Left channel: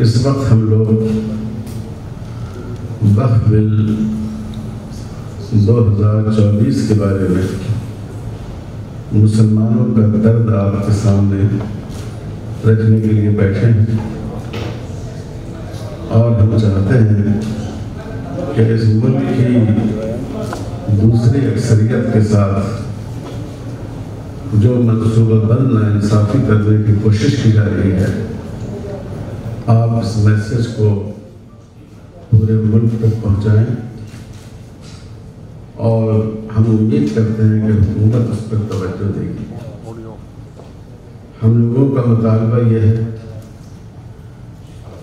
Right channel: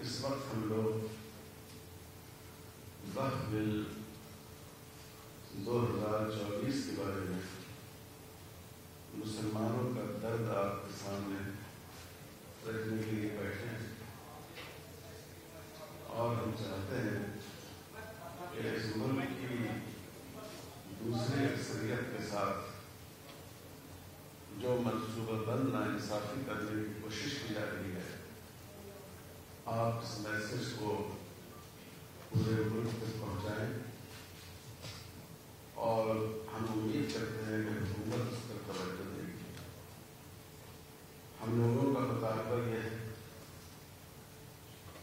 اس وقت ہم لوگ وقف بل 2024 کے بارے میں مسلمانوں کا درد آپ کے سامنے رکھنے کے لیے بیٹھے ہیں، اور ہم چاہتے ہیں کہ اس ملک کی دوسری اکثریت کے ساتھ جو منصوبہ بند ناانصافی کرنے کی کوشش کی جا رہی ہے، آپ اس میسج کو پورے ملک تک پہنچائیں، اور ہم امید کرتے ہیں کہ حکومت اس پر توجہ دے گی۔ ہم لوگوں کا مطالبہ یہ ہے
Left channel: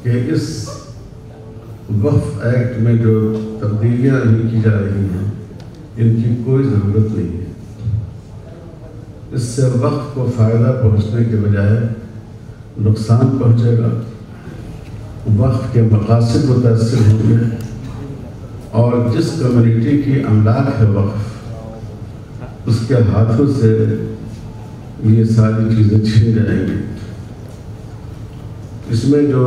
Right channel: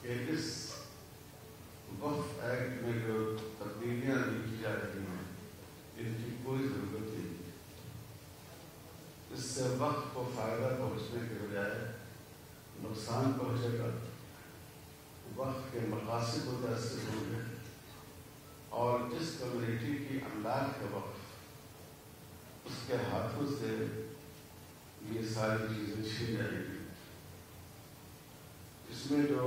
کہ اس وقف ایکٹ میں جو تبدیلیاں ابھی کی جا رہی ہیں ان کی کوئی ضرورت نہیں ہے۔ اس سے وقف کو فائدہ پہنچنے کے بجائے نقصان پہنچے گا، وقف کے مقاصد متاثر ہوں گے، اور جس کمیونٹی کی املاک ہے وقف، اس کے ہاتھوں سے یہ ساری چیزیں چھن جائیں گی۔ اس میں جو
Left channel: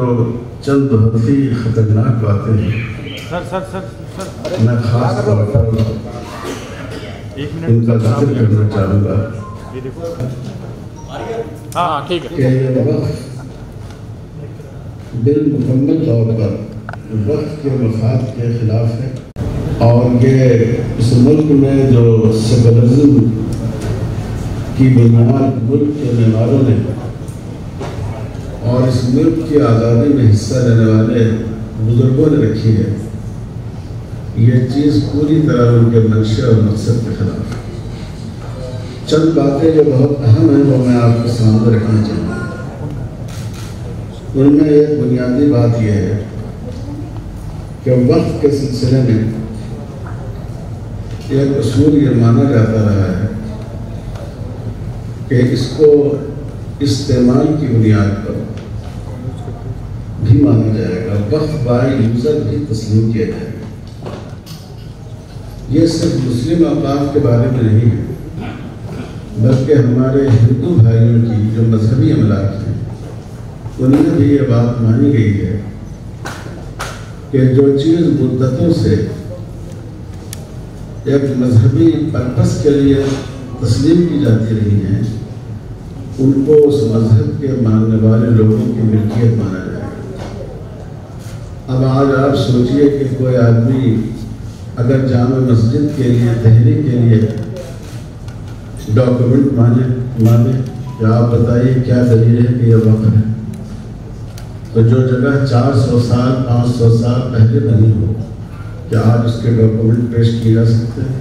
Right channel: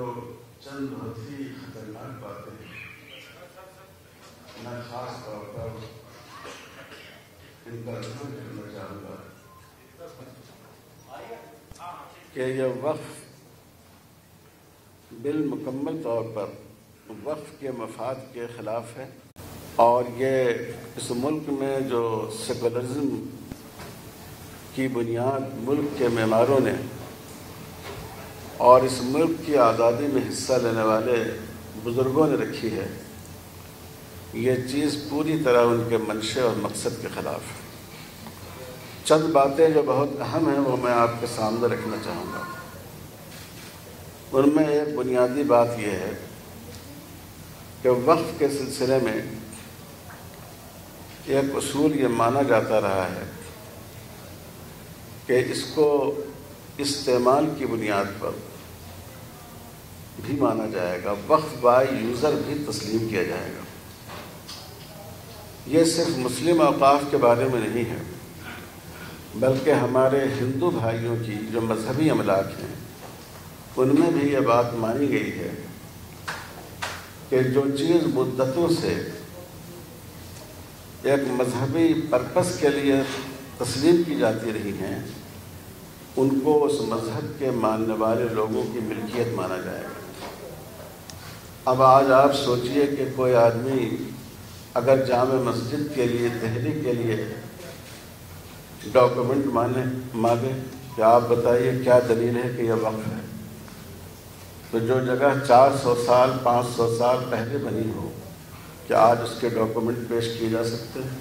چند بہت ہی خطرناک باتیں ہیں، میں خاص طور پر ان کا ذکر کرنا چاہوں گا کہ یہ وقف بل مکمل طور پر وقف کے مفاد کے خلاف ہے، اور یہ اس ملک میں جو سیکولرزم کی بنیاد ملک کے معماروں نے اور اس ملک کی آزادی میں حصہ لینے والے بزرگوں نے رکھی ہے، یہ چیز پوری طرح ان کے منشا اور مقصد کے خلاف ہے۔ چند باتیں جو بہت اہم ہیں وہ میں آپ کے سامنے رکھنا چاہوں گا۔ ان میں ایک بنیادی بات یہ ہے کہ وقف کے سلسلے میں ایک اصول یہ مانا جاتا رہا ہے کہ اس کو استعمال کی بنیاد پر بھی مانا جائے گا، وقف بائی یوزر بھی تسلیم کیا جائے گا۔ یہ صرف مسلم اوقاف کے بارے میں نہیں ہے، بلکہ ہمارے ہندو بھائیوں کی جو مذہبی املاک ہیں ان میں بھی یہ بات مانی گئی ہے کہ جو چیز مدتوں سے ایک مذہبی پرپس کے لیے تسلیم کی جاتی رہی ہیں، ان کو اس مذہب کے ماننے والے لوگوں کی ملکیت مانا جائے گا۔ اب آج آپ سوچئے کہ کوئی آدمی اگر جامع مسجد کے لیے دہلی کے لیے ڈاکومنٹ مانگے کہ آپ بتائیے کیا دلیل ہے کہ یہ وقف ہے، تو جو جگہ 400 سال 500 سال پہلے بنی ہو، کیا آج اس کے ڈاکومنٹ پیش کیے جا سکتے ہیں؟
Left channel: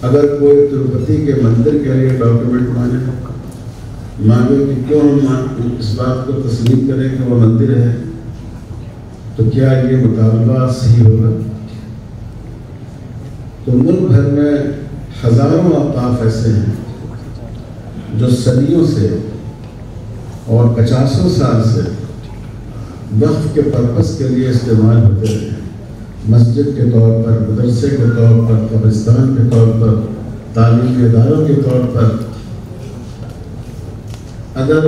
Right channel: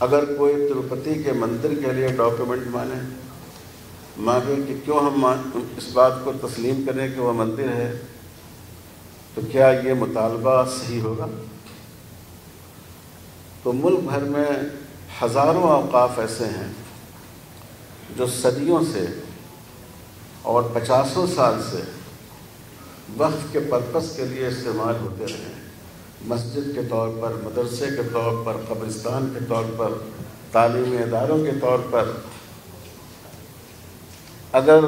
اگر کوئی تروپتی کے مندر کے لیے ڈاکومنٹ مانگے کہ کیوں ہم اس بات کو تسلیم کریں کہ وہ مندر ہے، تو کیا یہ مطالبہ صحیح ہوگا؟ تو ملک بھر میں ہزاروں اوقاف ایسے ہیں جو صدیوں سے اور 50 سال سے وقف کے پرپس کے لیے استعمال ہوتے رہے ہیں، مسجد کے طور پر، مدرسے کے طور پر، قبرستان کے طور پر، تعلیمی اداروں کے طور پر۔ اگر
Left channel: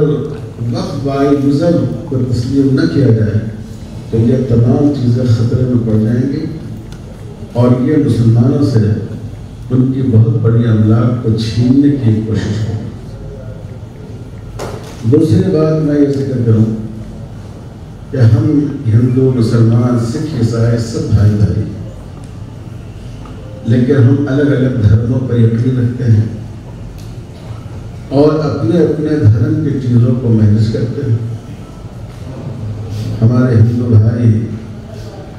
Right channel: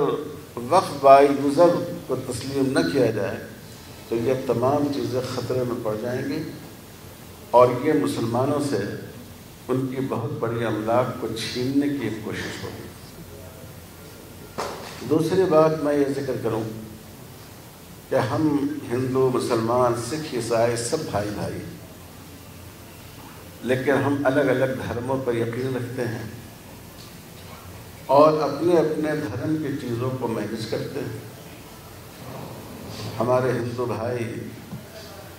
وقف بائی یوزر کو تسلیم نہ کیا جائے تو یہ تمام چیزیں خطرے میں پڑ جائیں گی، اور یہ مسلمانوں سے ان کی بہت بڑی املاک کو چھیننے کی کوشش ہوگی۔ دوسری بات میں یہ ذکر کروں کہ ہم ہندو، مسلمان، سکھ، عیسائی سب بھائی بھائی، لیکن ہم الگ الگ دھرموں پر یقین رکھتے ہیں اور اپنے اپنے دھرم کی چیزوں کو مینیج کرتے ہیں۔ ہمارے ہندو بھائی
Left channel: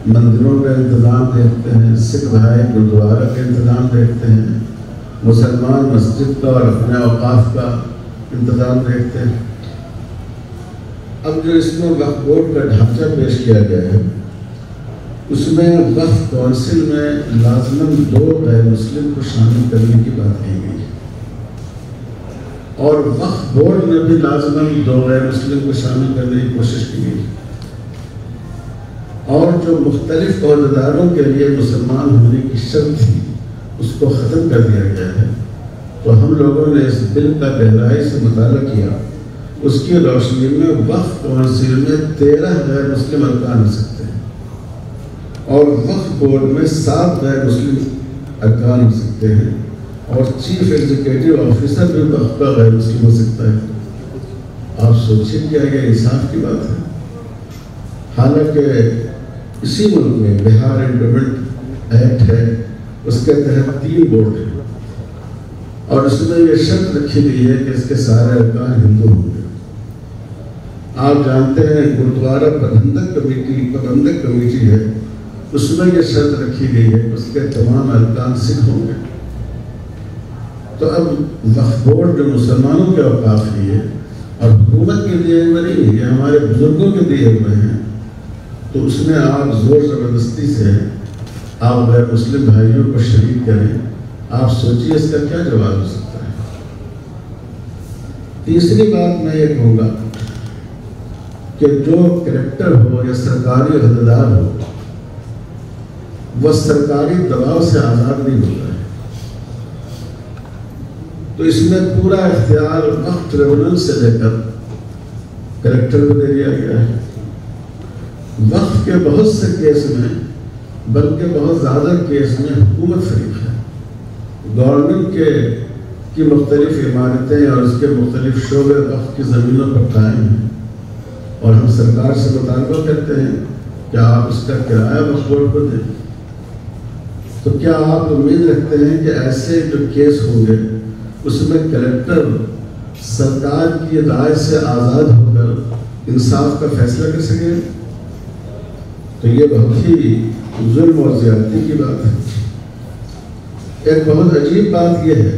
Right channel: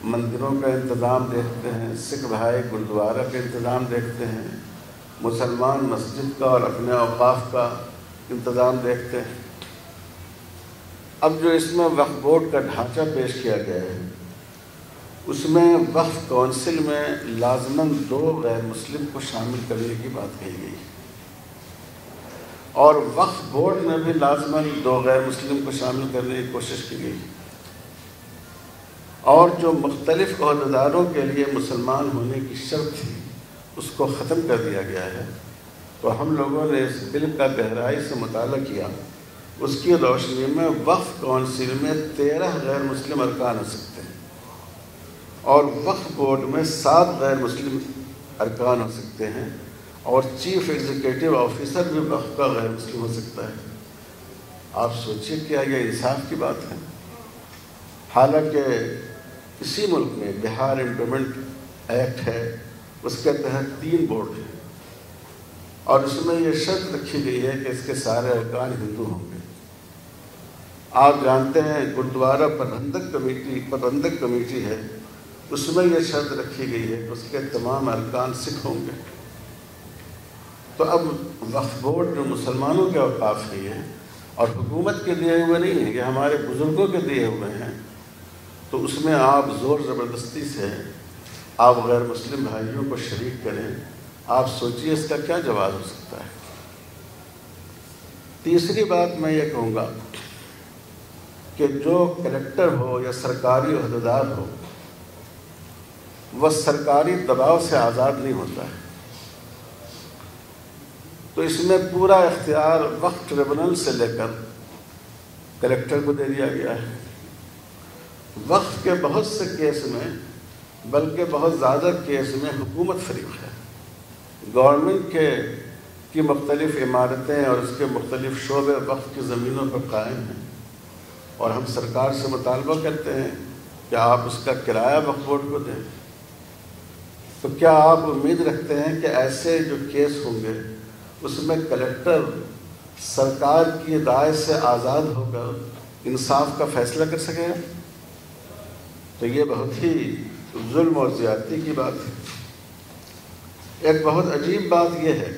مندروں کا انتظام دیکھتے ہیں، سکھ بھائی گرودوارا کا انتظام دیکھتے ہیں، مسلمان مسجد کا اور اپنے اوقاف کا انتظام دیکھتے ہیں۔ اب جو اس میں وقف بورڈ کا ڈھانچہ پیش کیا گیا ہے، اس میں وقف کونسل میں لازماً 2 غیر مسلم کو شامل کرنے کی بات کہی گئی ہے، اور وقف بورڈ میں بھی لازماً 2 غیر مسلم کو شامل کرنے کی کوشش کی گئی، اور جو مختلف عہدیداروں کے لیے مسلمان ہونے کی شرط تھی اس کو ختم کر دیا گیا ہے۔ تو ہم لوگوں نے اس بل کا گہرائی سے مطالعہ کیا، اس کی روشنی میں وقف کونسل میں 13 غیر مسلم ارکان ہو سکتے ہیں اور وقف بورڈ میں 7 غیر مسلم ارکان ہو سکتے ہیں اور چیف ایگزیکٹو آفیسر بھی وقف کا غیر مسلم ہو سکتا ہے۔ آپ سوچیے کیا یہ انصاف کی بات ہے؟ حالانکہ اسی ملک میں بہار انڈومنٹ ایکٹ ہے، اس کے تحت 3 بورڈ ہیں اور اس میں یہ شرط رکھی گئی ہے کہ اس کے سارے ارکان ہندو ہوں گے۔ آپ جانتے ہیں گرودوارا پربندک کمیٹی ہے، اس میں یہ شرط رکھی گئی ہے کہ اس کے تمام ارکان سکھ ہوں گے۔ تو اب وقف بورڈ جو مسلمانوں کے اوقاف لیے اور حکومت کے دیے ہوئے نہیں ہے، یہ ہمارے بزرگوں کے دیے ہوئے ہیں، تو اس میں آپ زور زبردستی سے آپ غیر مسلم بھائیوں کو شریک کریں، آپ سوچیے اس کا کیا جواب ہو سکتا ہے۔ تیسری بات میں یہ کہوں گا کہ جو کریکٹر ہو یا سرکاری عہدیدار ہو وہ سرکاری دباؤ سے آزاد نہیں ہوتا ہے۔ تو اس میں پورا اختیار وقف ٹریبونل سے لے کر کریکٹر کو دے دیا گیا ہے۔ وقف کے بہت سے کیس میں، بلکہ بہت زیادہ کیس میں حکومت فریق ہے۔ گورنمنٹ کی مختلف عمارتیں اور اس کے مختلف شعبے وقف کی زمینوں پر قائم ہیں اور ہم سرکار سے مطالبہ کرتے ہیں کہ آپ اس کا کرایہ وقف بورڈ کو دیں۔ تو کیا آپ امید رکھتے ہیں کہ ایسے جو کیس ہوں گے اس میں کلیکٹر سرکار کی رائے سے آزاد ہو کر انصاف کا فیصلہ کر سکیں؟ تو یہ بہت ہی ظلم اور زیادتی کی بات ہے۔ ایک بہت عجیب بات یہ ہے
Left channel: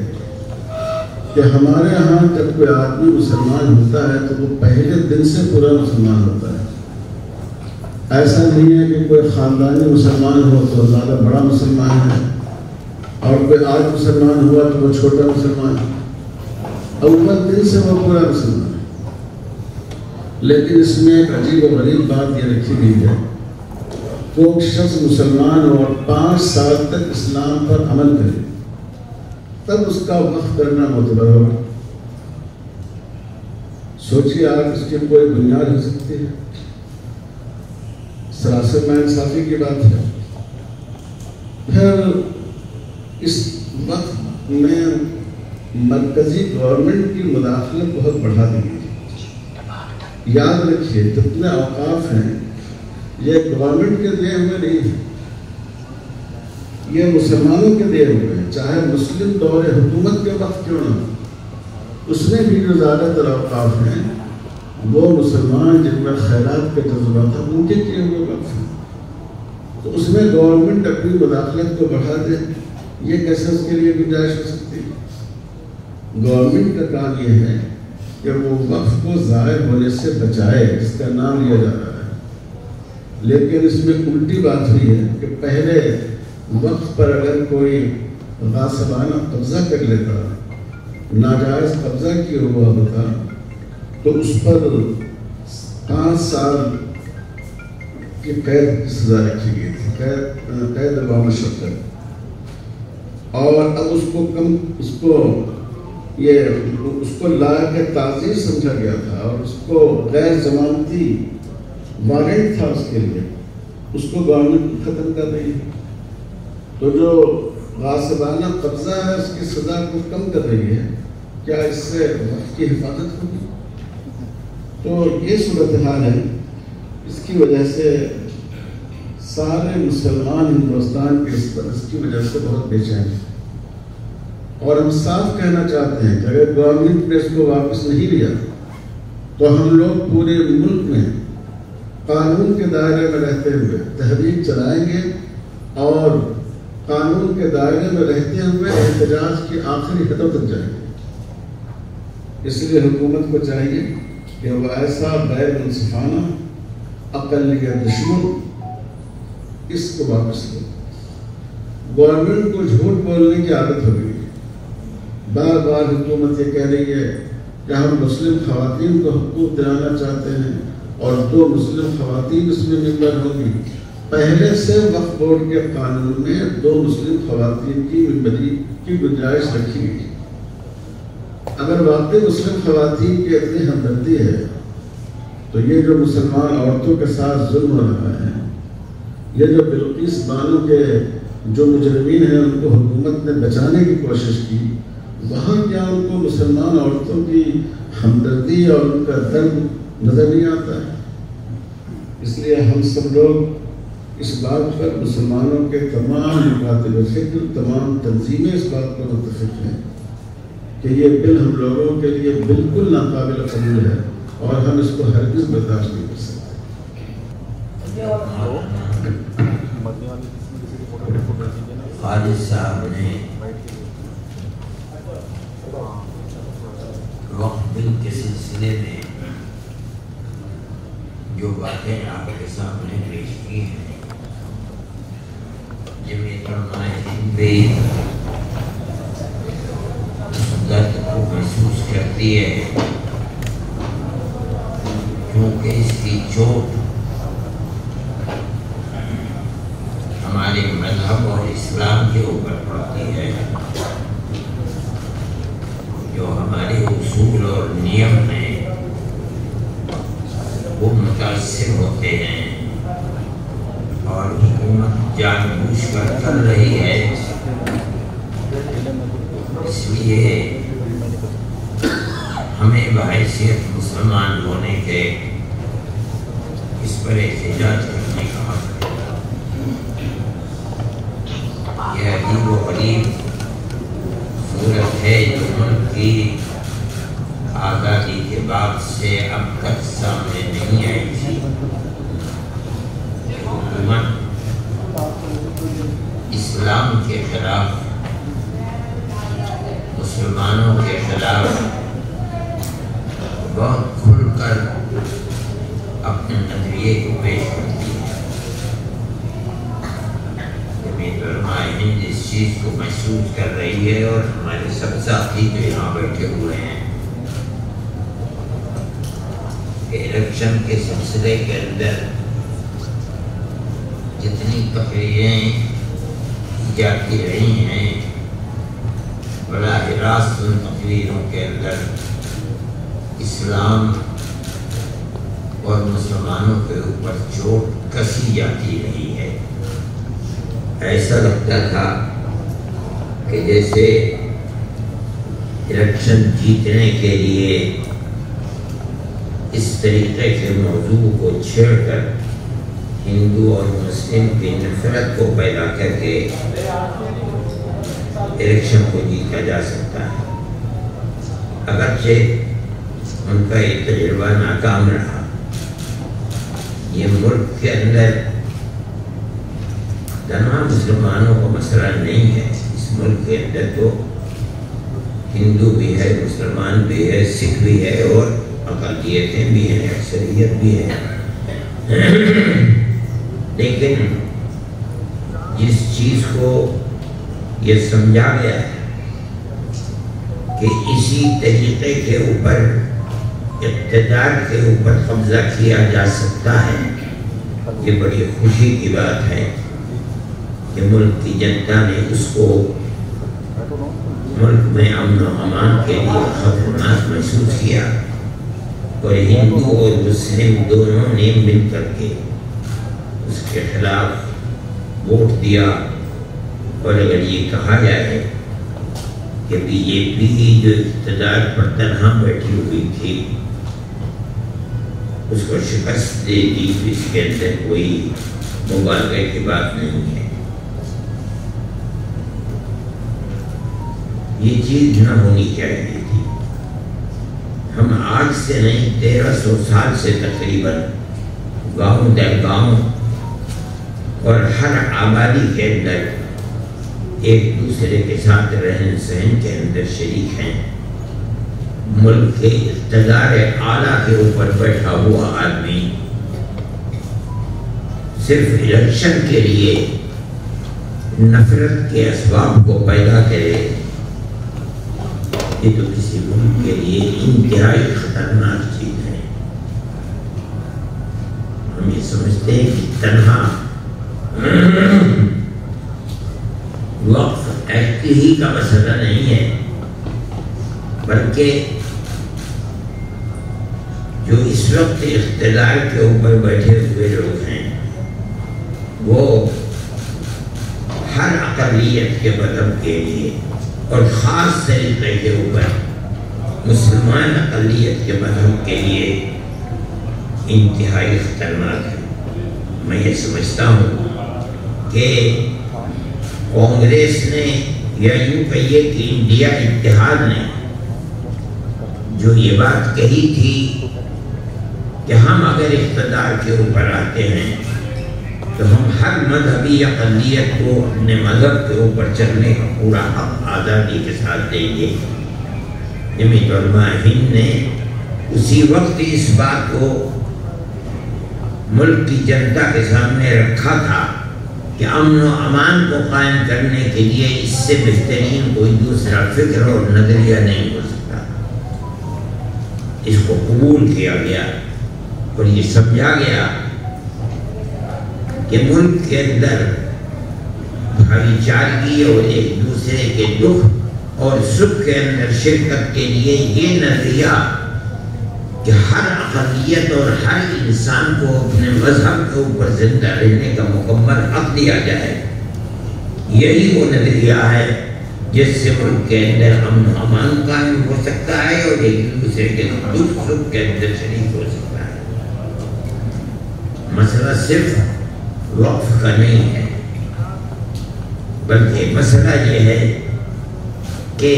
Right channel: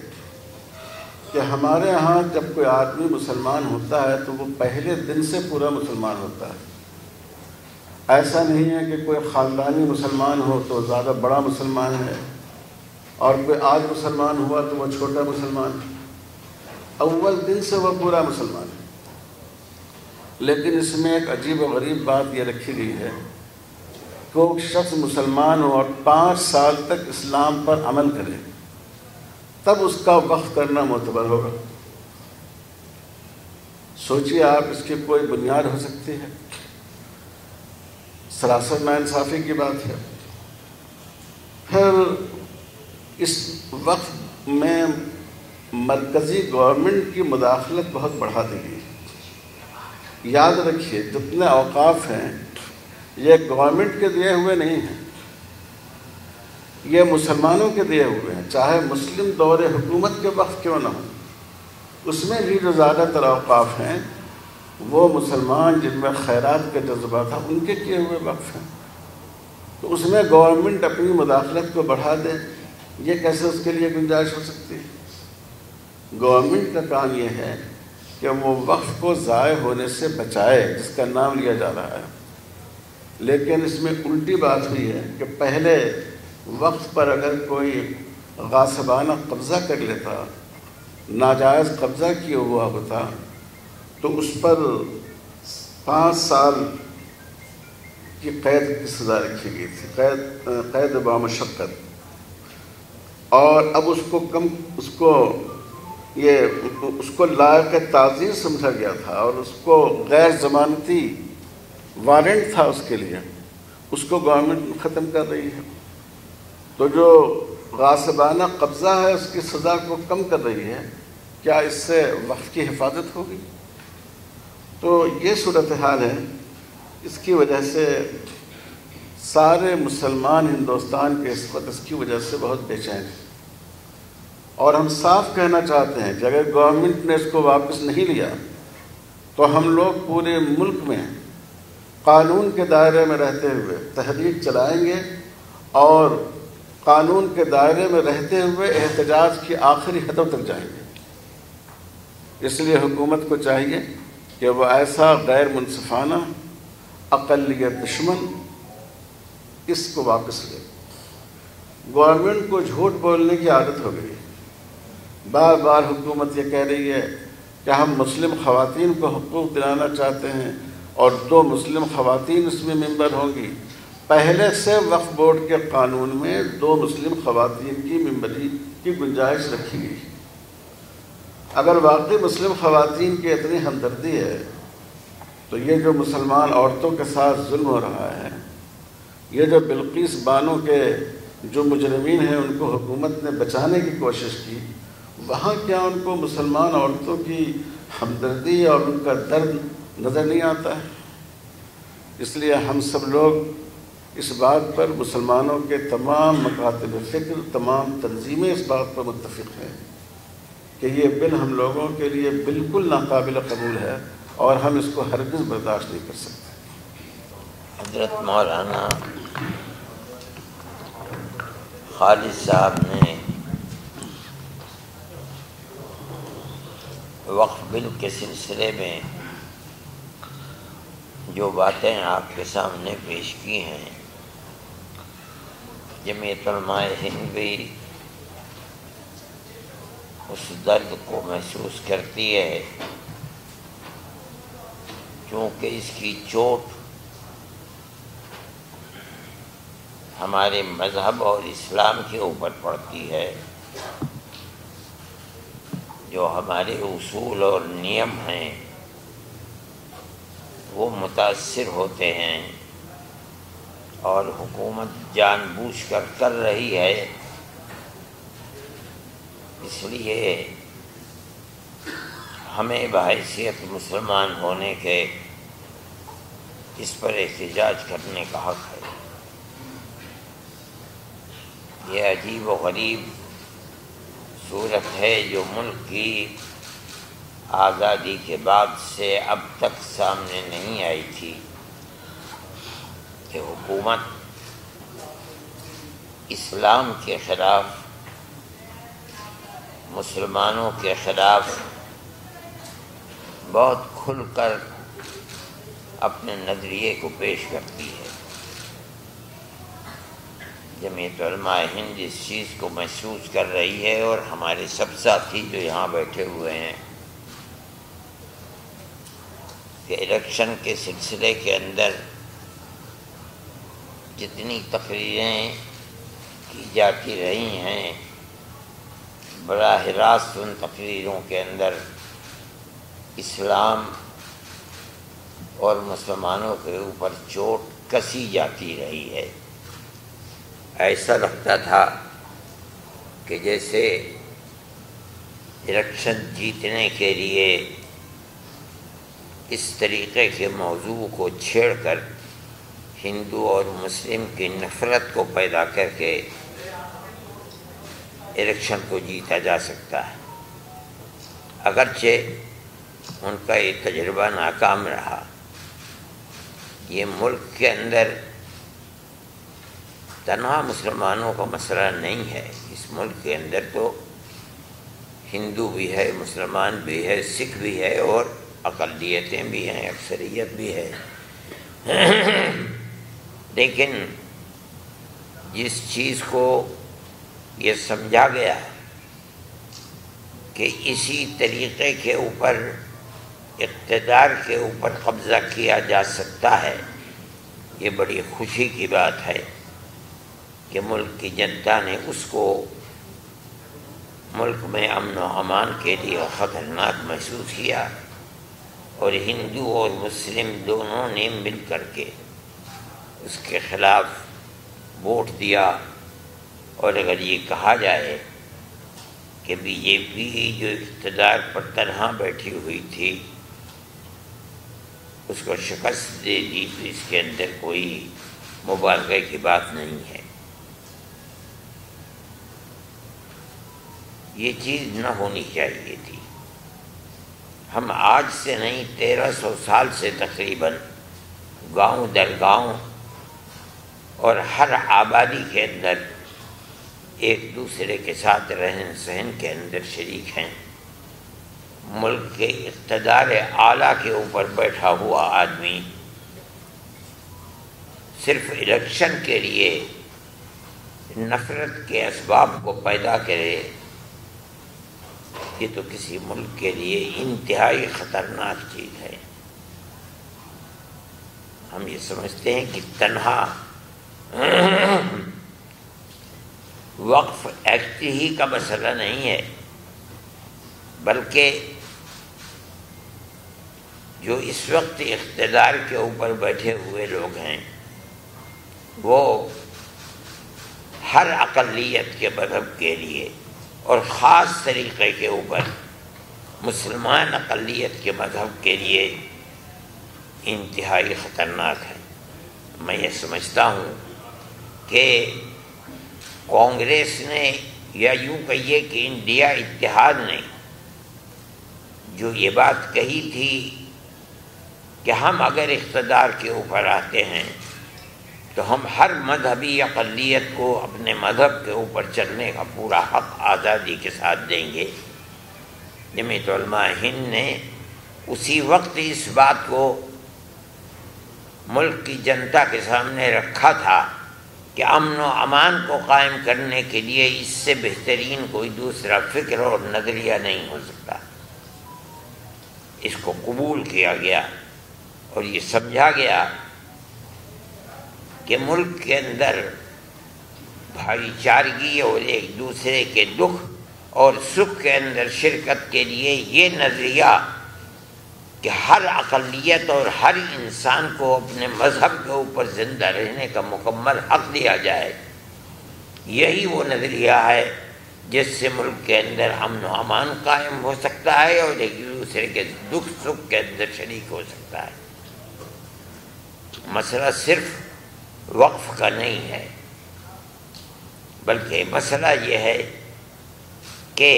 کہ ہمارے ہاں جب کوئی آدمی مسلمان ہوتا ہے تو وہ پہلے دن سے پورا مسلمان ہوتا ہے۔ ایسا نہیں ہے کہ کوئی خاندانی مسلمان ہو تو زیادہ بڑا مسلمان ہے اور کوئی آج مسلمان ہوا تو وہ چھوٹا مسلمان ہے، اول دن سے وہ پورا مسلمان ہے۔ لیکن اس میں ایک عجیب و غریب بات یہ رکھی گئی ہے، کوئی شخص مسلمان ہو اور 5 سال تک اسلام پر عمل کرے تب اس کا وقف کرنا معتبر ہوگا۔ سوچیے آپ، اس کی کوئی بنیاد ہو سکتی ہے؟ سراسر ناانصافی کی بات ہے۔ پھر اس وقت میں مرکزی گورنمنٹ کی مداخلت بہت بڑھا دی گئی۔ یاد رکھیے جتنے اوقاف ہیں یہ گورنمنٹ کے دیے ہوئے نہیں ہیں، یہ مسلمانوں کے دیے ہوئے ہیں، چاہے مسلم دور حکومت کے وقت کیوں نہ ہو۔ اس میں بھی جو زیادہ تر اوقاف ہیں وہ مسلمان جن میں خیرات کا جذبہ تھا ان کے کیے ہوئے وقف ہیں۔ تو اس میں گورنمنٹ اپنی مداخلت کو بڑھا دے، یہ کیسے اس کے لیے گنجائش ہو سکتی ہے؟ گورنمنٹ کا کام یہ ہے کہ وہ وقف کو ضائع ہونے سے بچائے، جس کا نام لیا جا رہا ہے۔ لیکن اس میں الٹی بات ہوئی ہے کہ پہلے وقت پر اگر کوئی غاصبانہ قبضہ کر لیتا، ناجائز قبضہ کیا ہوا ہوتا، تو اس پر 5 سال کی قید کی سزا رکھی گئی تھی، قید بامشقت۔ اور اب اس کو لائق تعزیر سمجھا گیا تھا اور اس کو غیر ضمانتی وارنٹ تھا اس کے لیے، اس کو گورنمنٹ ختم کر رہی ہے۔ تو جو غاصبانہ قبضہ ہے اس کی سزا کو کم کر رہی ہے، کیا اس سے وقف کی حفاظت ہوگی؟ تو یہ صورتحال ہے، اس کی وجہ سے سارے مسلمان ہندوستان کے اس وقت اس کی وجہ سے بہت بے چین ہیں۔ اور ہم صاف کہنا چاہتے ہیں کہ اگر گورنمنٹ نے اس کو واپس نہیں لیا تو ہم لوگ پورے ملک میں قانون کے دائرے میں رہتے ہوئے تحریک چلائیں گے اور قانون کے دائرے میں رہتے ہوئے احتجاج کی آخری حدوں تک جائیں گے۔ اس لیے حکومت کو چاہیے کہ وہ ایسا غیر منصفانہ اقلیت دشمن اس کو واپس لے۔ گورنمنٹ کو جھوٹ بولنے کی عادت ہو گئی، بار بار حکومت یہ کہہ رہی ہے کہ ہم مسلم خواتین کو حقوق دلانا چاہتے ہیں اور 2 مسلم خواتین اس میں ممبر ہوں گی۔ پہلے سے وقف بورڈ کے قانون میں 2 مسلم خواتین کی ممبری کی گنجائش رکھی گئی، اگر واقعی مسلم خواتین کی اتنی ہمدردی ہے تو یہ جو مسلمان عورتوں کے ساتھ ظلم ہو رہا ہے، یہ جو بلقیس بانو کے جو مجرمین ہیں ان کو حکومت نے بچانے کی کوشش کی، وہاں کیا ان کو مسلمان عورتوں کی ہمدردی اور ان کا درد نظر نہیں آتا ہے؟ اس لیے ہم سب لوگ اس بات پر، مسلمانوں کے تمام مکاتب فکر، تمام تنظیمیں اس بات پر متفق ہیں کہ یہ بل ہم لوگوں کے لیے بالکل ناقابل قبول ہے اور ہم اس کو ہرگز برداشت نہیں کر سکتے۔ حضرت مولانا خالد صاحب نے وقف بل کے سلسلے میں جو باتیں آپ کے سامنے پیش کی ہیں، جمعیت علماء ہند بھی اس درد کو محسوس کرتی ہے، کیونکہ اس کی چوٹ ہمارے مذہب اور اسلام کے اوپر پڑتی ہے، جو ہمارے اصول اور نیم ہیں وہ متاثر ہوتے ہیں، اور حکومت جان بوجھ کر رہی ہے۔ اس لیے ہمیں بحیثیت مسلمان ہونے کے اس پر احتجاج کرنے کا حق ہے۔ یہ عجیب و غریب صورت ہے جو ملک کی آزادی کے بعد سے اب تک سامنے نہیں آئی تھی۔ حکومت اسلام کے خلاف، مسلمانوں کے خلاف بہت کھل کر اپنے نظریے کو پیش کرتی ہے۔ جمعیت علماء ہند اس چیز کو محسوس کر رہی ہے، اور ہمارے سب ساتھی جو یہاں بیٹھے ہوئے ہیں، الیکشن کے سلسلے کے اندر جتنی تقریریں کی جاتی رہی ہیں، براہ راست ان تقریروں کے اندر اسلام اور مسلمانوں کے اوپر چوٹ کسی جاتی رہی ہے۔ ایسا لگتا تھا کہ جیسے الیکشن جیتنے کے لیے اس طریقے کے موضوع کو چھیڑ کر ہندو اور مسلم کی نفرت کو پیدا کر کے الیکشن کو جیتا جا سکتا ہے۔ اگرچہ ان کا یہ تجربہ ناکام رہا۔ یہ ملک کے اندر تنہا مسلمانوں کا مسئلہ نہیں ہے، اس ملک کے اندر تو ہندو بھی ہے، مسلمان بھی ہے، سکھ بھی ہے، اور اقلیتیں بھی ہیں، اکثریت بھی ہے۔ لیکن جس چیز کو یہ سمجھا گیا کہ اسی طریقے کے اوپر، اقتدار کے اوپر قبضہ کیا جا سکتا ہے، یہ بڑی خوشی کی بات ہے کہ ملک کی جنتا نے اس کو ملک میں امن و امان کے لیے خطرناک محسوس کیا، اور ہندو اور مسلم دونوں نے مل کر کے اس کے خلاف ووٹ دیا۔ اور اگر یہ کہا جائے کہ بی جے پی جو اقتدار پر تنہا بیٹھی ہوئی تھی اس کو شکست دے دی، تو اس کے اندر کوئی مبالغے کی بات نہیں ہے۔ یہ چیز نہ ہونی چاہیے تھی۔ ہم آج سے نہیں 1300 سال سے تقریباً گاؤں در گاؤں اور ہر آبادی کے اندر ایک دوسرے کے ساتھ رہن سہن کے اندر شریک ہیں۔ ملک کے اقتدار اعلیٰ کے اوپر بیٹھا ہوا آدمی صرف الیکشن کے لیے نفرت کے اسباب کو پیدا کرے، یہ تو کسی ملک کے لیے انتہائی خطرناک چیز ہے۔ ہم یہ سمجھتے ہیں کہ تنہا وقف ایکٹ ہی کا مسئلہ نہیں ہے، بلکہ جو اس وقت اقتدار کے اوپر بیٹھے ہوئے لوگ ہیں وہ ہر اقلیت کے مذہب کے لیے اور خاص طریقے کے اوپر مسلمان اقلیت کے مذہب کے لیے انتہائی خطرناک ہے۔ میں یہ سمجھتا ہوں کہ کانگریس نے یا یوں کہیے کہ انڈیا اتحاد نے جو یہ بات کہی تھی کہ ہم اگر اقتدار کے اوپر آتے ہیں تو ہم ہر مذہبی اقلیت کو اپنے مذہب کے اوپر چلنے کا پورا حق آزادی کے ساتھ دیں گے، جمعیت علماء ہند نے اسی وقت اس بات کو ملک کی جنتا کے سامنے رکھا تھا کہ امن و امان کو قائم کرنے کے لیے اس سے بہترین کوئی دوسرا فکر اور نظریہ نہیں ہو سکتا۔ اس کو قبول کیا گیا اور یہ سمجھا گیا کہ ملک کے اندر بھائی چارگی اور ایک دوسرے کے دکھ اور سکھ کے اندر شرکت کے لیے یہ نظریہ کہ ہر اقلیت اور ہر انسان کو اپنے مذہب کے اوپر زندہ رہنے کا مکمل حق دیا جائے، یہی وہ نظریہ ہے جس سے ملک کے اندر امن و امان قائم ہو سکتا ہے اور ایک دوسرے کے دکھ سکھ کے اندر شریک ہو سکتا ہے۔ مسئلہ صرف وقف کا نہیں ہے، بلکہ مسئلہ یہ ہے کہ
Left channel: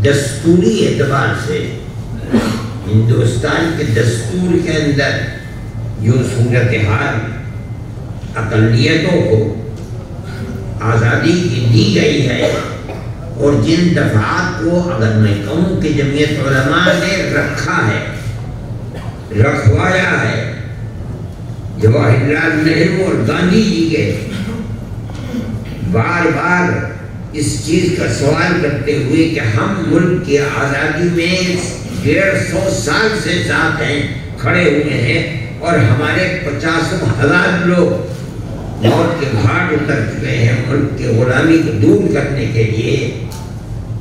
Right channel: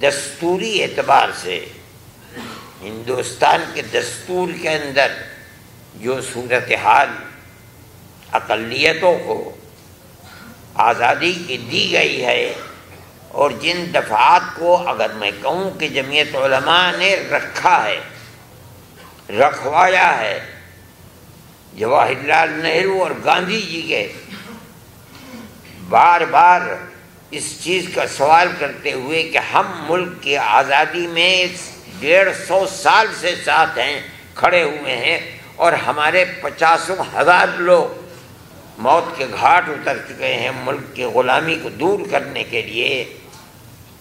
دستوری اعتبار سے ہندوستان کے دستور کے اندر جو صورتحال اقلیتوں کو آزادی کی دی گئی ہے اور جن دفعات کو اگر میں کہوں کہ جمعیت علماء نے رکھا ہے، رکھوایا ہے، جواہر لال نہرو اور گاندھی جی کے بار بار اس چیز کا سوال کرتے ہوئے کہ ہم ملک کی آزادی میں 150 سال سے ساتھ ہیں، کھڑے ہوئے ہیں اور ہمارے 50,000 لوگ موت کے گھاٹ اتر چکے ہیں ملک کی غلامی کو دور کرنے کے لیے۔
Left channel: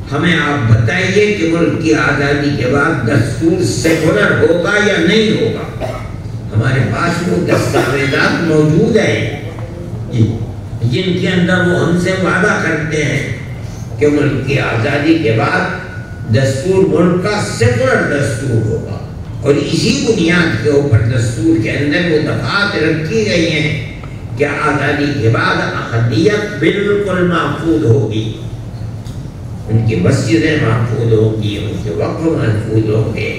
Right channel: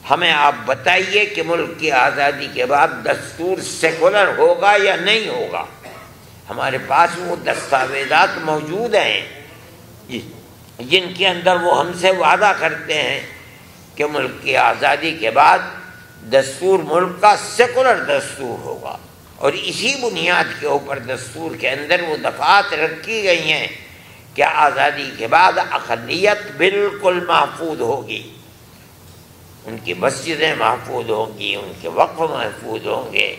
ہمیں آپ بتائیے کہ ملک کی آزادی کے بعد دستور سیکولر ہوگا یا نہیں ہوگا؟ ہمارے پاس وہ دستاویزات موجود ہیں جن کے اندر وہ ہم سے وعدہ کرتے ہیں کہ ملک کی آزادی کے بعد دستور ملک کا سیکولر دستور ہوگا، اور اسی بنیاد کے اوپر دستور کے اندر وہ دفعات رکھی گئی ہیں کہ آزادی کے بعد اقلیت بالکل محفوظ ہوگی، ان کی مسجدیں محفوظ ہوگی، ان کے وقف محفوظ ہوں گے،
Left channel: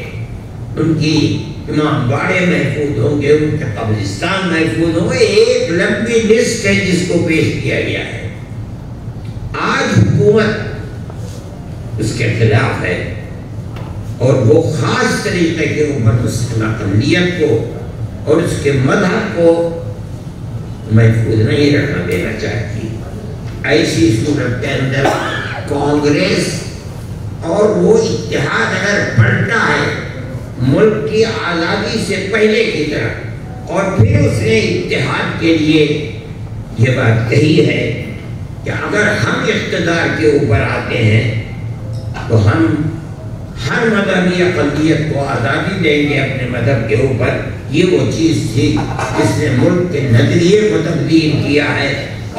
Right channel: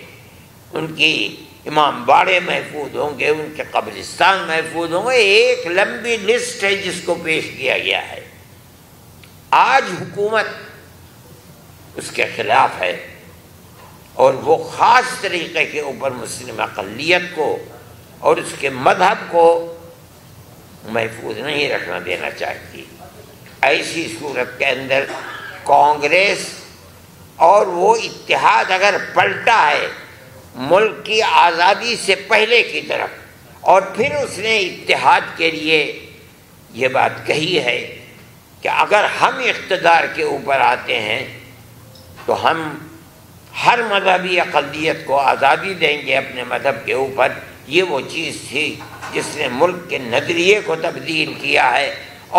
ان کی امام باڑے محفوظ ہوں گے، ان کے قبرستان محفوظ ہوں گے۔ ایک لمبی لسٹ ہے جس کو پیش کیا گیا ہے۔ آج حکومت اس کے خلاف ہے اور وہ خاص طریقے کے اوپر مسلم اقلیت کو اور اس کے مذہب کو محفوظ نہیں رکھنا دینا چاہتی۔ ایسی صورت کے اندر کانگریس اور وہ اتحاد اگر پلٹا ہے ملک کی آزادی سے پہلے کی طرف، اور پھر اس نے اتحاد کے لیے یہ بات کہی ہے کہ اگر ہم اقتدار کے اوپر آتے ہیں تو ہم ہر مذہبی اقلیت کو آزادی دیں گے اپنے مذہب کے اوپر۔ یہ وہ چیز تھی جس نے ملک کے نظریے کو تبدیل کیا ہے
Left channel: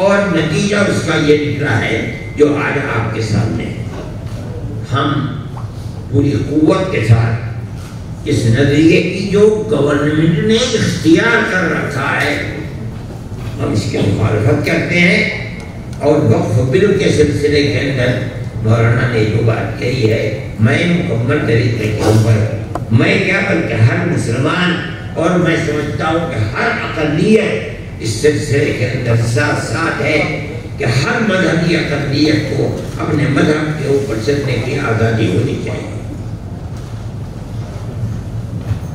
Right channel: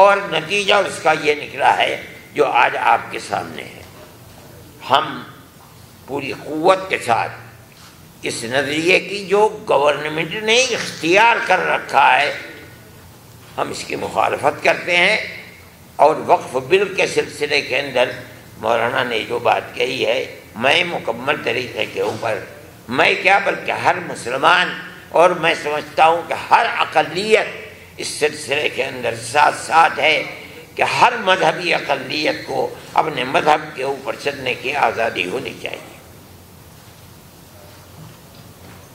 اور نتیجہ اس کا یہ نکلا ہے جو آج آپ کے سامنے ہے۔ ہم پوری قوت کے ساتھ اس نظریے کی جو گورنمنٹ نے اختیار کر رکھا ہے ہم اس کی مخالفت کرتے ہیں، اور وقف بل کے سلسلے کے اندر مولانا نے جو بات کہی ہے میں مکمل طریقے کے اوپر میں کیا بلکہ ہر مسلمان اور میں سمجھتا ہوں کہ ہر اقلیت اس سلسلے کے اندر ساتھ ساتھ ہے کہ ہر مذہبی اقلیت کو اپنے مذہب کے اوپر چلنے کی آزادی ہونی چاہیے۔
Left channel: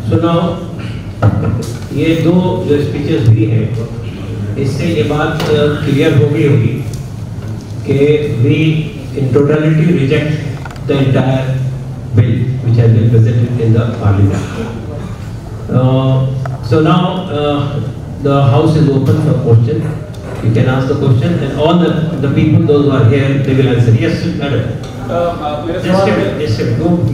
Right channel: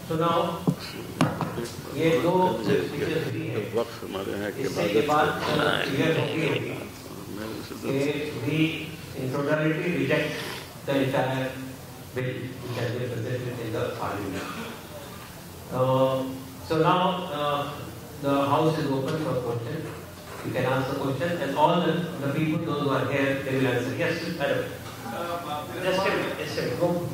سنو، یہ دو جو اسپیچز ہوئی ہیں اس سے یہ بات کلیئر ہو گئی ہوگی کہ we in totality reject the entire bill which has been presented in the parliament. So now the house is open for question. You can ask the question and all the people, those who are here, they will answer. Yes, madam. Just a minute. Go,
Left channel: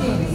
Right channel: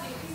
JPC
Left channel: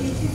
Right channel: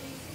JPC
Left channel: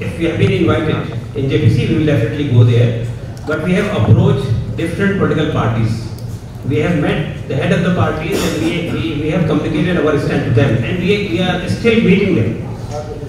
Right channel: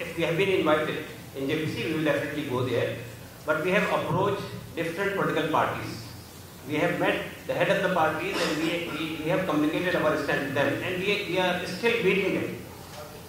if we have been invited in JPC, we will definitely go there, but we have approached different political parties. We have met the head of the parties and we have communicated our stand to them and we are still meeting them.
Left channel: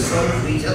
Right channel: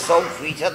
100%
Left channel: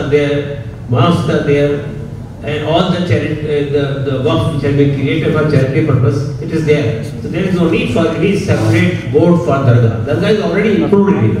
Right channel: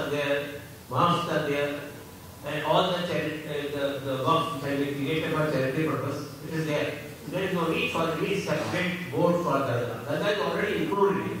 are there, mosques are there, and all the waqf which has been created for charity purpose, it is there. So there is no need for any separate board for dargah. Dargah is already included here.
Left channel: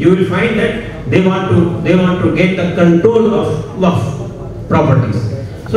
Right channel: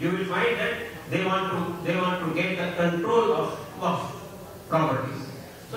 you will find that they want to get the control of waqf properties. So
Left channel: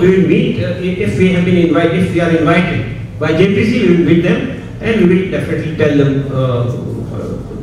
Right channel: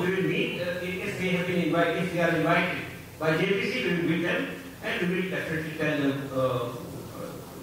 we will meet if we are invited by JPC, we will meet them and we will definitely tell them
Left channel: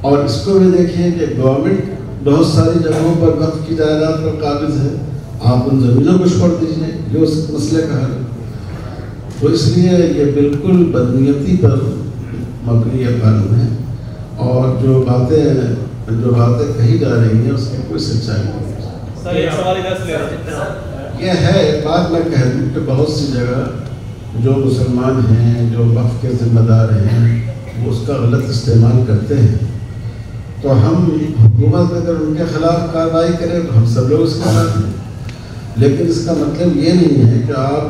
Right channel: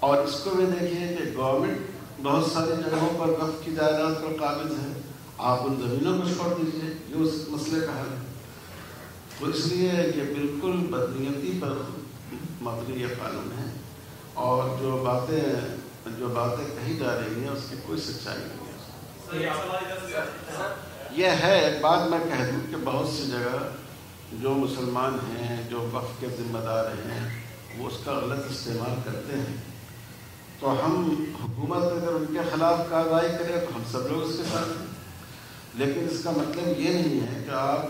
اور اس کو بھی دیکھیے کہ government بہت ساری جگہوں پر وقف کی جائیداد پر قابض ہے، آپ ان زمینوں کو چھوڑ دیجیے، یہ اس مسئلے کا حل ہے۔ تو اس لیے یہ بالکل بدنیتی پر مبنی یہ قانون ہے، اور جو باتیں کہی جا رہی ہیں اس کی کوئی سچائی نہیں ہے۔ سر ایک سوال ادھر سے لے رہے ہیں، یہ ہے بات میں کہہ دوں کہ بہت سی جگہ جو مسلمان ہیں، جو وقف کے ذمہ دار ہیں، وہ اس کا غلط استعمال کرتے ہیں، تو ہم حکومت اگر ان کے خلاف کارروائی کریں تو ہم سب لوگ اس کے ساتھ ہیں، لیکن اس کا مطلب یہ نہیں ہے کہ آپ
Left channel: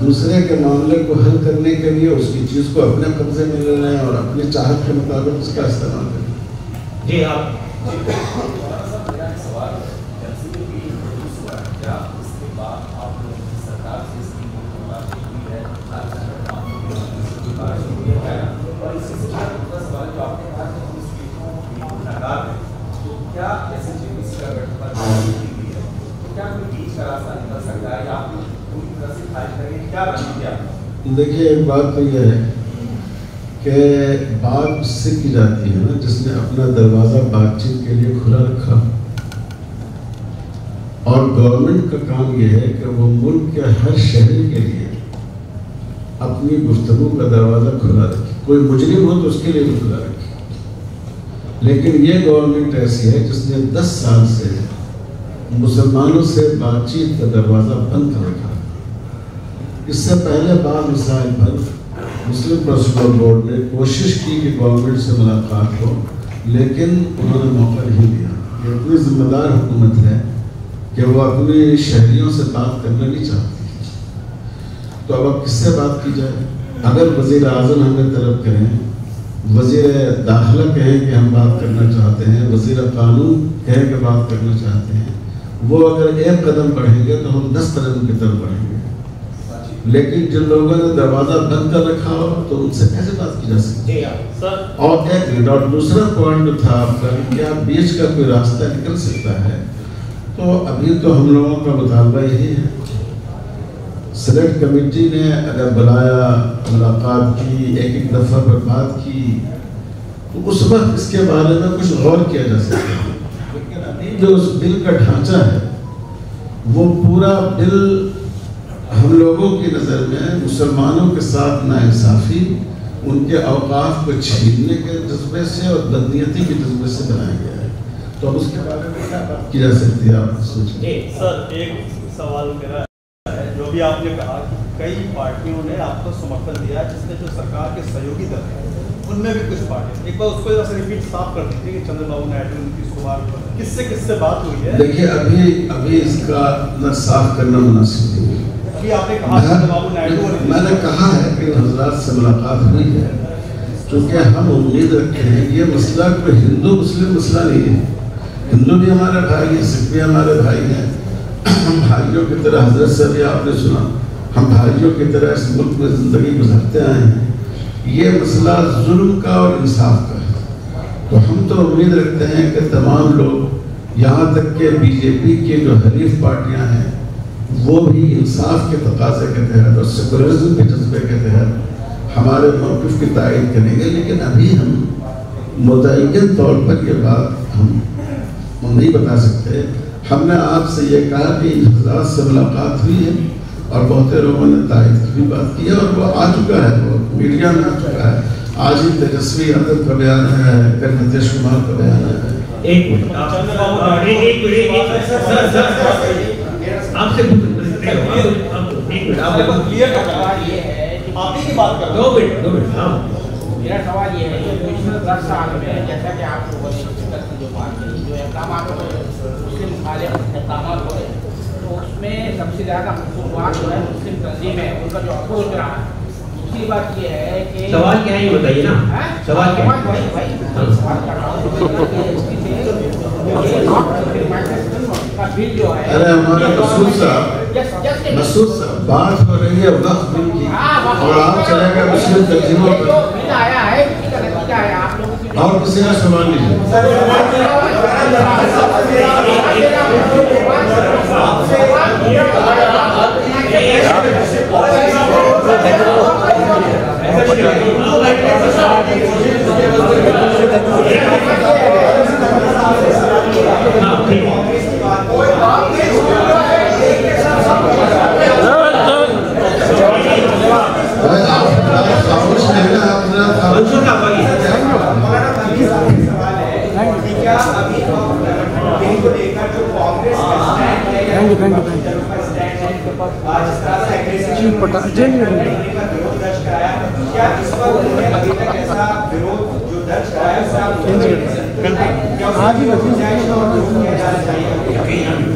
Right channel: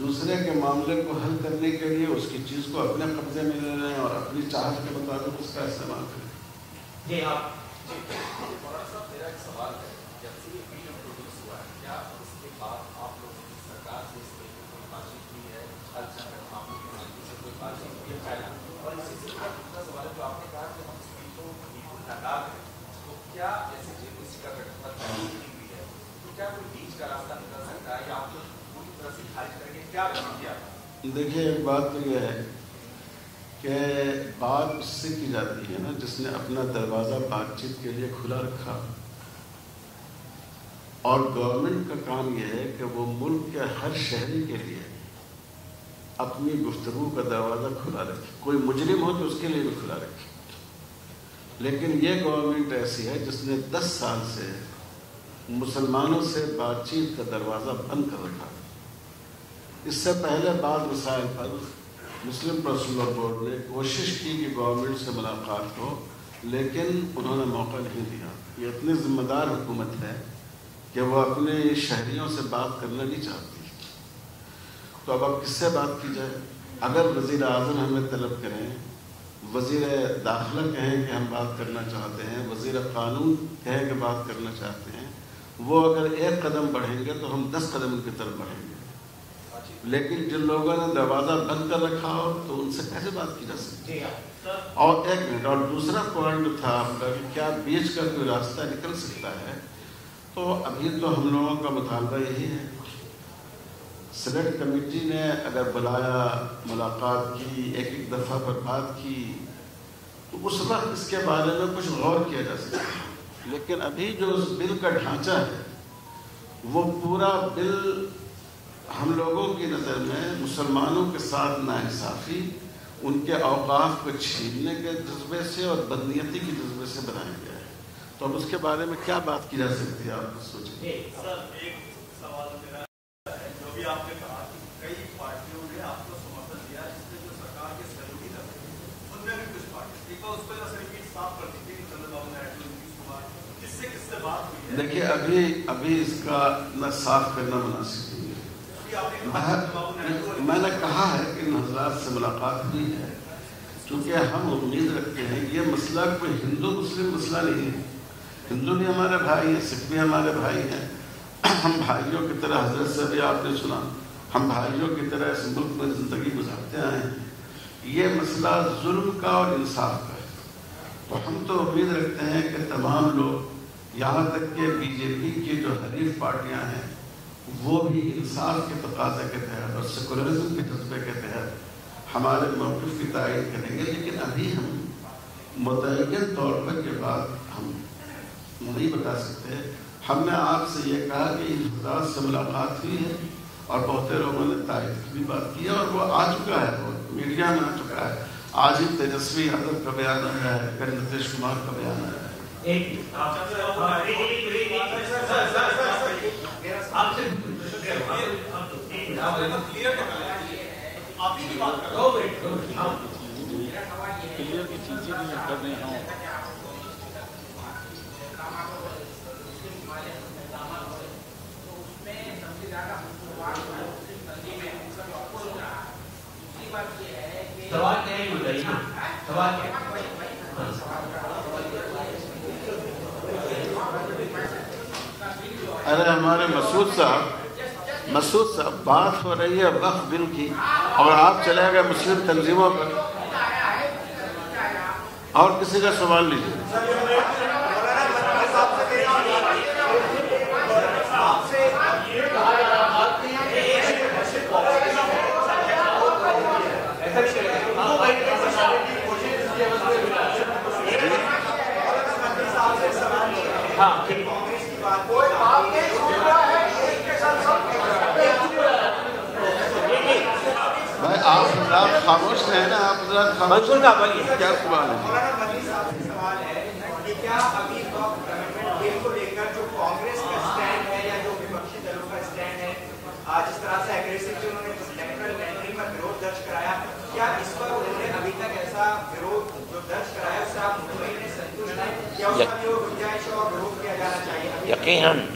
دوسرے کے معاملے کو حل کرنے کے لیے اس کی چیز کو اپنے قبضے میں لے لیں اور اپنی چاہت کے مطابق اس کا استعمال کریں۔ جی آپ دیکھیے ایک بات تو یہ ہے کہ بات اس سے کی جاتی ہے نا جس نے اپنا دروازہ بات چیت کے لیے کھلا رکھا، اور گورنمنٹ کا کام یہ ہے کہ وہ ملک کے ہر شہری کے لیے اپنی گفتگو کا دروازہ کھلا رکھے، کوئی مجرم ہو تو اس کے لیے بھی کھلا رکھے، لیکن یہ گورنمنٹ ایسی ہے جس نے 10 سال سے مسلمانوں سے بات چیت کا دروازہ بند کر رکھا۔ اس سے پہلے بعض مسائل پر مسلم پرسنل بورڈ نے کوشش کی کہ گورنمنٹ سے ملاقات ہو، لیکن انہوں نے موقع نہیں دیا۔ یہ اتنی ذمہ دار حکومت ہے کہ وہ اپنے شہریوں سے بات کرنا نہیں چاہتی، تو اب کس سے بات کی جائے؟ اگر وزیر اعظم ہمیں طلب کریں، وزیر داخلہ کہیں کہ ہم بات کرنا چاہتے ہیں، وزیر قانون کہیں کہ بات کرنا چاہتے ہیں، وہ اگر ایک قدم بڑھیں گے تو ہم 10 قدم کی طرف بڑھیں گے، لیکن جن لوگوں نے دروازہ بند کر رکھا ہو تو ان سے کیسے بات کی جا سکتی ہے؟ اور ایک منٹ، اور دوسرا پوائنٹ جو تھا آپ کا، کیا بیچ کا کوئی راستہ نکل سکتا ہے؟ تو ابھی تو ہم لوگوں کا مطالبہ یہی ہے، سلیکٹ کمیٹی نے اگر بلایا، ملاقات کی، ایک دفعہ پر بات کی، تو اس وقت اس کے بارے میں کچھ غور کیا جا سکتا ہے، لیکن ابھی جو اس بل کا ڈھانچہ ہے وہ پورا بل ہم لوگوں کی نظر میں مسلمانوں کے ساتھ ناانصافی، ان کے اوقاف کو چھیننے کے جذبے سے اور بدنیتی کے جذبے سے بنایا گیا ہے، تو اب اس کے بارے میں کیا بات کی جا سکتی ہے آپ سوچیں؟ سر ایک سوال میرا ہے، جو بھی آپ نے کہا کہ کئی پارٹیوں نے آپ کو سمرتھن دیا، جس میں جو سرکار کے سہیوگی دل ہیں ان میں بھی کچھ پارٹی، ایک بار اس کو ریپیٹ صاف کر دیجیے کہ چندر بابو نائیڈو، نتیش کمار، کس سے بات ہوئی ہے؟ دیکھیے ابھی اس کا اتنا صاف کرنا مناسب نہیں ہے۔ میں نے کہا ہے کہ حضرات سے ملاقات ہوئی ہے، کیونکہ ہم امید رکھتے ہیں یہ مسئلہ کوئی ہندو مسلم مسئلہ نہیں ہے، ہندو بھی ہمارے بھائی ہیں، سکھ بھی ہمارے بھائی ہیں، ہم بھائیوں کی طرح، حضرت سے بھی آپ نے سنا، ہم بھائیوں کی طرح اس ملک میں زندگی گزارتے آئے ہیں۔ یہ مسئلہ ظلم کا اور انصاف کا ہے، تو ہم تو امید رکھتے ہیں کہ تمام لوگ، یہاں تک کہ بی جے پی کے جو حریف پارٹیاں ہیں، وہ بھی انصاف کے تقاضے کے تحت اور سیکولرزم کے جذبے کے تحت ہمارے موقف کی تائید کریں گے، لیکن ابھی ہم متعین طور پر یہ بات ہم نہیں بتا سکتے۔ ہم نے آپ سے یہ کہا کہ ان حضرات سے ملاقات ہوئی ہے اور بہت لوگوں نے تائید کی بھی بات کی ہے، اور وہ آ چکا ہے، وہ میڈیا میں آ چکا ہے۔ آج ہی تیجسوی یادو کا بیان ہے، کل نتیش کمار کا بیان ہے۔ ایک منٹ آپ سے میرا سوال یہ ہے کہ پچھلے 10 سال میں جیسا کہ آپ لوگوں نے جو بات کی، جو اقدامات ہوئے، مسلم مخالف اقدامات ہوئے، تو اس میں سب سے زیادہ قصوروار جو ہے مسلم تنظیم ہے، ان کا جو اپروچ رہا ہے۔ دوسری بات یہ ہے کہ سوال کیا ہے یہ بتائیے نا، سوال کیا ہے؟ ارے ہمارے مسعود صاحب بات ہو رہی ہے وقت بل کی، اور آپ چلے گئے مسلم تنظیموں پر، اور کسی کا سوال نہیں ہے۔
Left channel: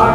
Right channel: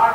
8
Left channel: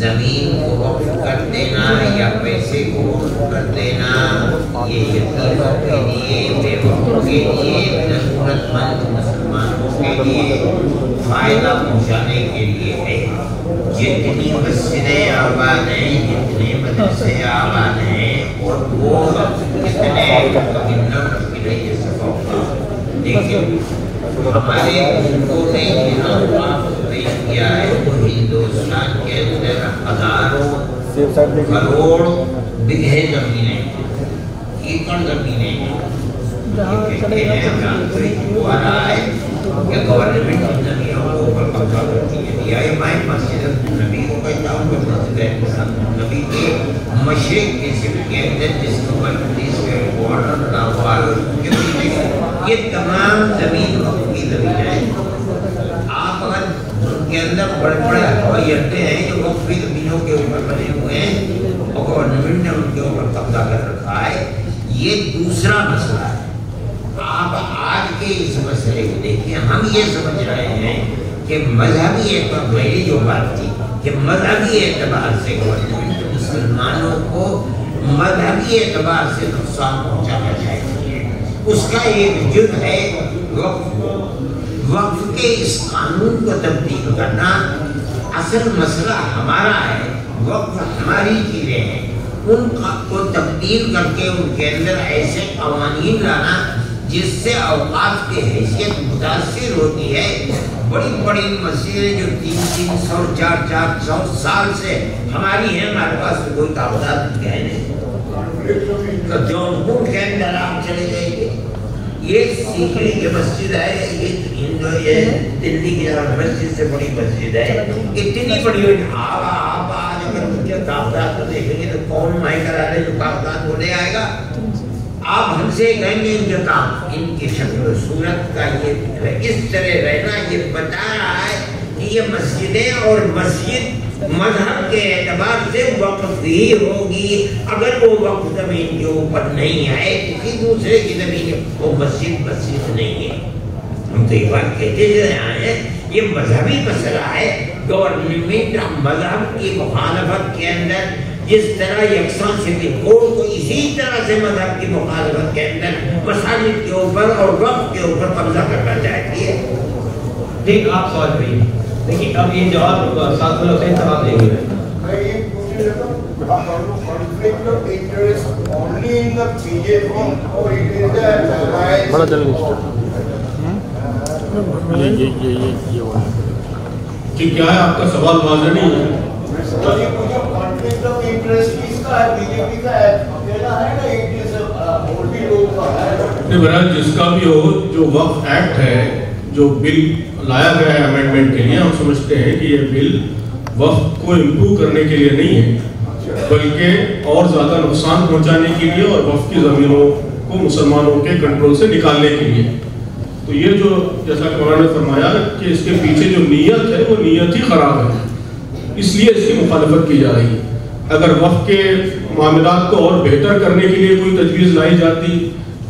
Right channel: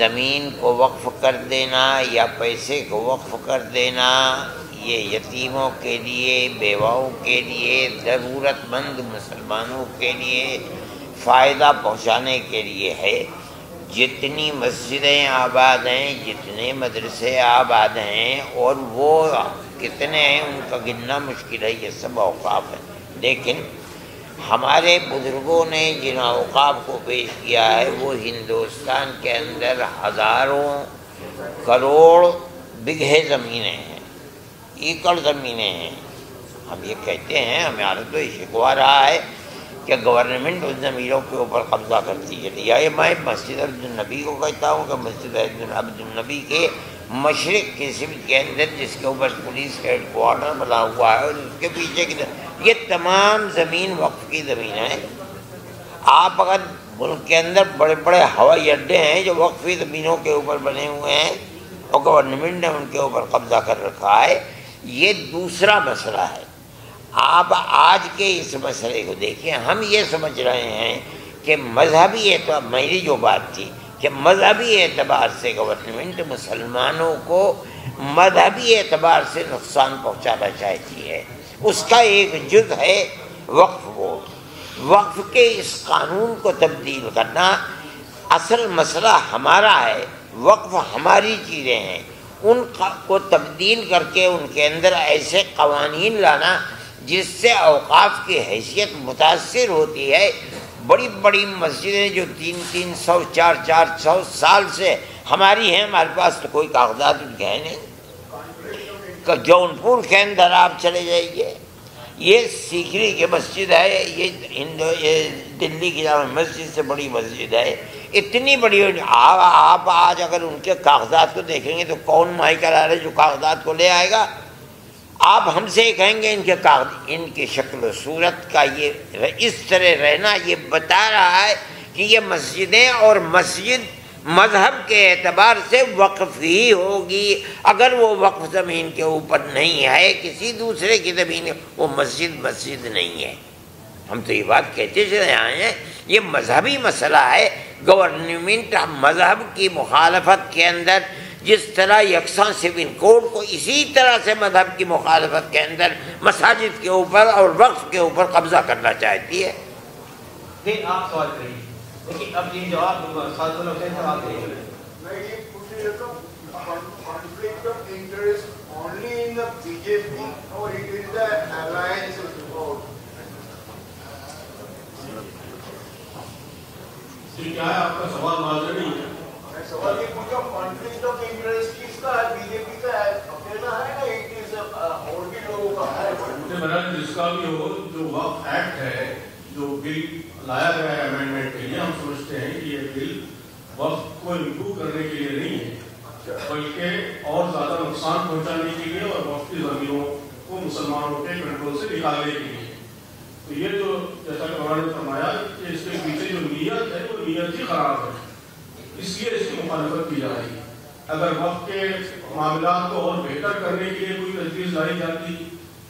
زمین کو وقف کر دینا یا پیسے کو وقف کر دینا یہ یتیموں کے لیے، بیواؤں کے لیے، ضرورت مند مسلمانوں کے لیے فائدہ پہنچانے کے لیے ہے۔ جتنی مسجدیں آباد ہیں، جتنے مدرسے آباد ہیں، اور وہ کتنے گننا مشکل ہے، یہ سب اوقاف ہے، لیکن ہمارے ملکوں نے جن اوقاف کو پیش کیا ہے وہ ہندوستان کے اندر ہزاروں کروڑ بگھے زمینیں ہیں، ایکڑ زمینیں ہیں۔ ہم یہ کہتے ہیں، ہمیں آج تو یہ ہو رہا ہے کہ گورنمنٹ ان زمینوں کے اوپر قبضہ کرتی ہے۔ یا میں مسجد نبی کو کہتا ہوں کہ مسجد نبی کے مشرق کے صرف کے اندر جس کے اوپر پولیس کا ایک بارڈر بنا ہوا ہے اس کے پیچھے یہ تمام زمین وقفی زمین ہے۔ آپ اگر ملک کے اندر بڑے بڑے ہوائی اڈے ہیں جو وقفی زمینوں کے اوپر بنے ہوئے ہیں اور گورنمنٹ نے ان کے اوپر قبضہ کر رکھا ہے، یہ دوسرا مسئلہ ہے۔ آپ آج کے اس مسئلے کو دیکھیں، ہم یہ سمجھ رہے ہیں کہ مذہبی اعتبار، میری جو بات تھی کہ مذہبی اعتبار سے گورنمنٹ مسلمانوں کو مذہبی اعتبار سے نقصان پہنچانا چاہتی ہے۔ اس کا ایک جز ہے وقف کو، وقف کے اس قانون کو تبدیل کرنا۔ اصل مسئلہ ہمارا ہے، وقف ہماری چیزیں ہیں، ان کو تبدیل کر کے ان کے اندر ایسے قوانین لانا جس سے اوقاف کی حیثیت متاثر ہوتی ہے۔ بڑی بڑی مسجدیں جو 300 400 سال سے ہماری ہیں، ہمارے پاس تو کوئی کاغذات ہے نہیں۔ جونپور کے اندر آپ چلے جائیے، یہ سیکری کی مسجد ہے، یہ دلی کی جامع مسجد سے بڑی مسجد ہے، اتنی بڑی۔ آپ آج اگر ان کے کاغذات کو دیکھیں گے تو کون ماہی کرا رہا ہے جو کاغذات کو لے آئے گا؟ آپ ہم سے کہیں گے ان کے کام، ان کی شکل و صورت کا یہ اس طرح رہنا یہ بتا رہا ہے کہ یہ مسجدیں اور مسجد مذہب کے اعتبار سے وقف ہی ہوگی۔ اگر وہ وقف زمین کے اوپر نہیں ہے، کسی دوسرے کی زمین، وہ مسجد نہیں ہے۔ ہم تو یہ بات کہتے چلے آئے ہیں، یہ مذہبی مسئلہ ہے۔ گورنمنٹ مذہب کی مخالفت کے اندر جس طرح یکساں سول کوڈ کو اسی طرح سے مذہب کی مخالفت کے اندر مساجد کے اوپر اور وقف کے اوپر قبضہ کرنا چاہتی ہے۔ دیکھ آپ سوال کریے، دیکھیے اب یہ جواب ساتھ اللہ صحیح سوال دیں گے۔ میں یہ پوچھ لیتا ہوں، conflict of interest only in the BJP or it is the بڑا جلدی کہ کیا ہے آپ کا سوال واضح نہیں ہے؟ یہ پوچھا conflict of interest کس کا ہے، بی جے پی کا ہے، اکیلا ہے نا، ایک جیسے اور بھی لوگوں کا ہے؟ بہرحال جس کا بھی ہو، جو وقف ایکٹ ہے جو بل لایا گیا ہے امینڈمنٹ کے لیے، ہم سمجھتے ہیں کہ یہ بل وقف کو امپروو کرنے کے لیے نہیں ہے بلکہ اور زیادہ نقصان پہنچانے کے لیے اور وقف کی زمینوں کو مسلمانوں کے کنٹرول سے نکالنے کے لیے۔ تو یہ جو جیسا کہ مولانا نے فرمایا کہ اس کے پیچھے جو نیت ہے وہ نیت ہی خراب ہے، اس لیے اس کی مخالفت کی جا رہی ہے۔ اگر وقف کے معاملات کو اور بہتر کرنے کے لیے کوئی تجویز لائی جاتی،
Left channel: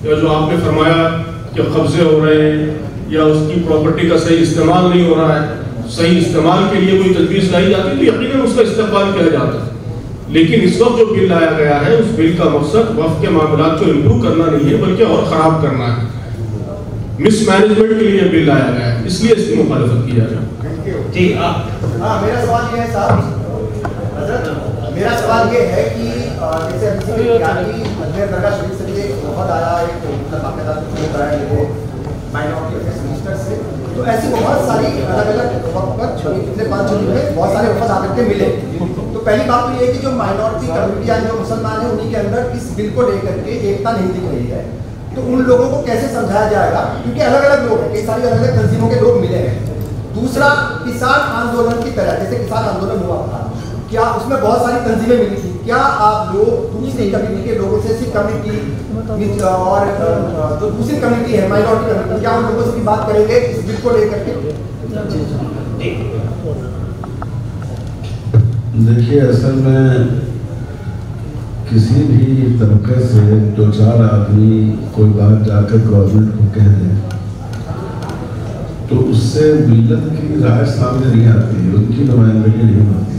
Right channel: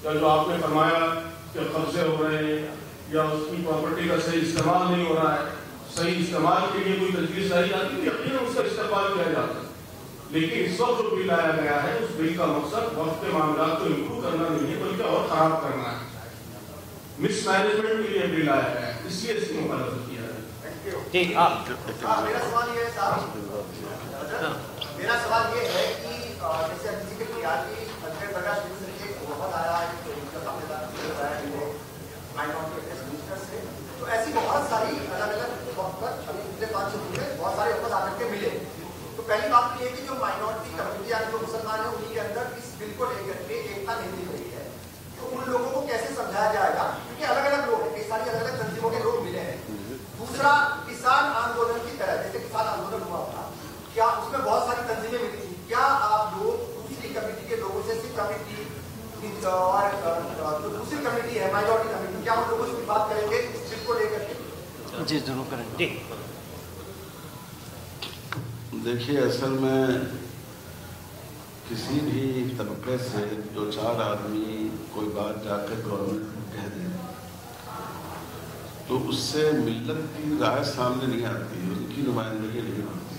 یا جو آپ نے فرمایا کہ قبضے ہو رہے ہیں یا اس کی پراپرٹی کا صحیح استعمال نہیں ہو رہا ہے، صحیح استعمال کے لیے کوئی تجویز لائی جاتی تو یقیناً اس کا استقبال کیا جاتا۔ لیکن اس وقت جو بل لایا گیا ہے اس بل کا مقصد وقف کے معاملات کو امپروو کرنا نہیں ہے بلکہ اور خراب کرنا ہے۔ مس مینجمنٹ کے لیے بل لایا گیا ہے، اس لیے اس کی مخالفت کی جا رہی ہے۔ جی میرا سوال یہ ہے صاحب، میرا سوال یہ ہے کہ جیسے درگاہ شریف سے بھی ایک بہت آیا منسٹر سے، تو ایسی بہت ساری الگ الگ وقت پر پچھلے 5 دنوں میں بہت سارے وفد آ کر کے ملے۔ تو پہلی بات تو یہ ہے کہ جو مائنورٹی کمیونٹیاں جو مسلمان ہیں انہیں کے اندر اس بل کو لے کر کے ایکتا نہیں دکھ رہی ہے، تو ان لوگوں کو کیسے سمجھایا جائے گا؟ کیونکہ الگ الگ لوگ ہیں، کئی ساری الگ الگ تنظیموں کے لوگ ملے ہیں۔ دوسرا، کسان آندولن کی طرح جیسے کسان آندولن ہوا تھا، کیا اس میں بہت ساری تنظیمیں ملی تھی، کیا آپ لوگ دوسری کمیونٹی کے لوگوں سے سی کمیٹی اور جو دوسری کمیٹی ہے مائنورٹی کمیٹی، کیا ان لوگوں سے بھی بات کریں گے اس بل کو لے کر کے؟ دیکھیے اصل میں کسی بھی طبقے سے 2-4 آدمی کوئی بات جا کر گورنمنٹ کو کہہ دیں تو اس سے ملت کی رائے سامنے نہیں آتی، ان کی نمائندگی نہیں ہوتی۔